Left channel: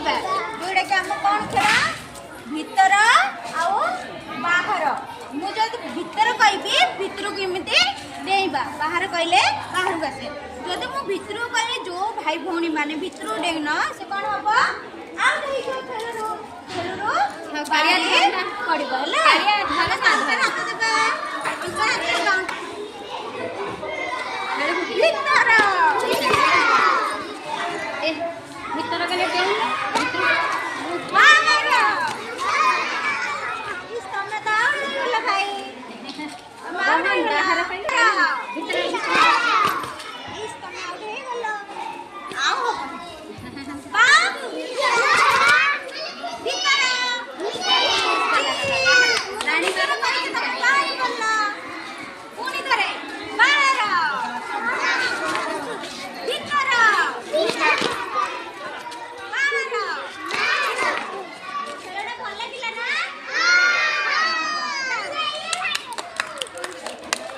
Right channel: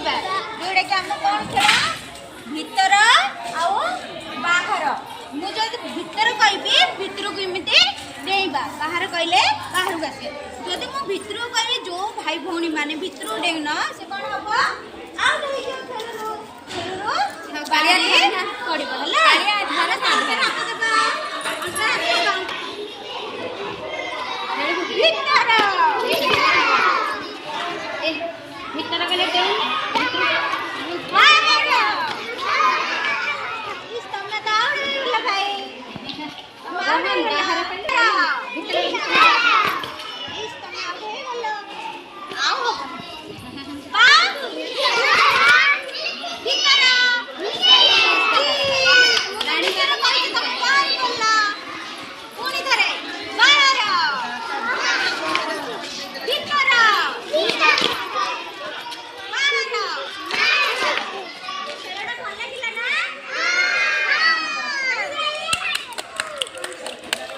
खेलिबा जोड़ा कि हम कौन खेला भीतर आउ बाहर मु जब भीतर कहबी भीतर को एमती डेइबा बाहर कहले बाहर को आसे जदि मु भीतर कहबी जो भाई भौणी माने भीतर डेइन से कौन हम आउट हो जो खेलरो बाड़ी पड़िबो हला हम साथे हाथ देबा अंतर हाथ देबा भीतर ए भीतर कहले देउ बाहर इस तमे दाउ भाई तमे बाहर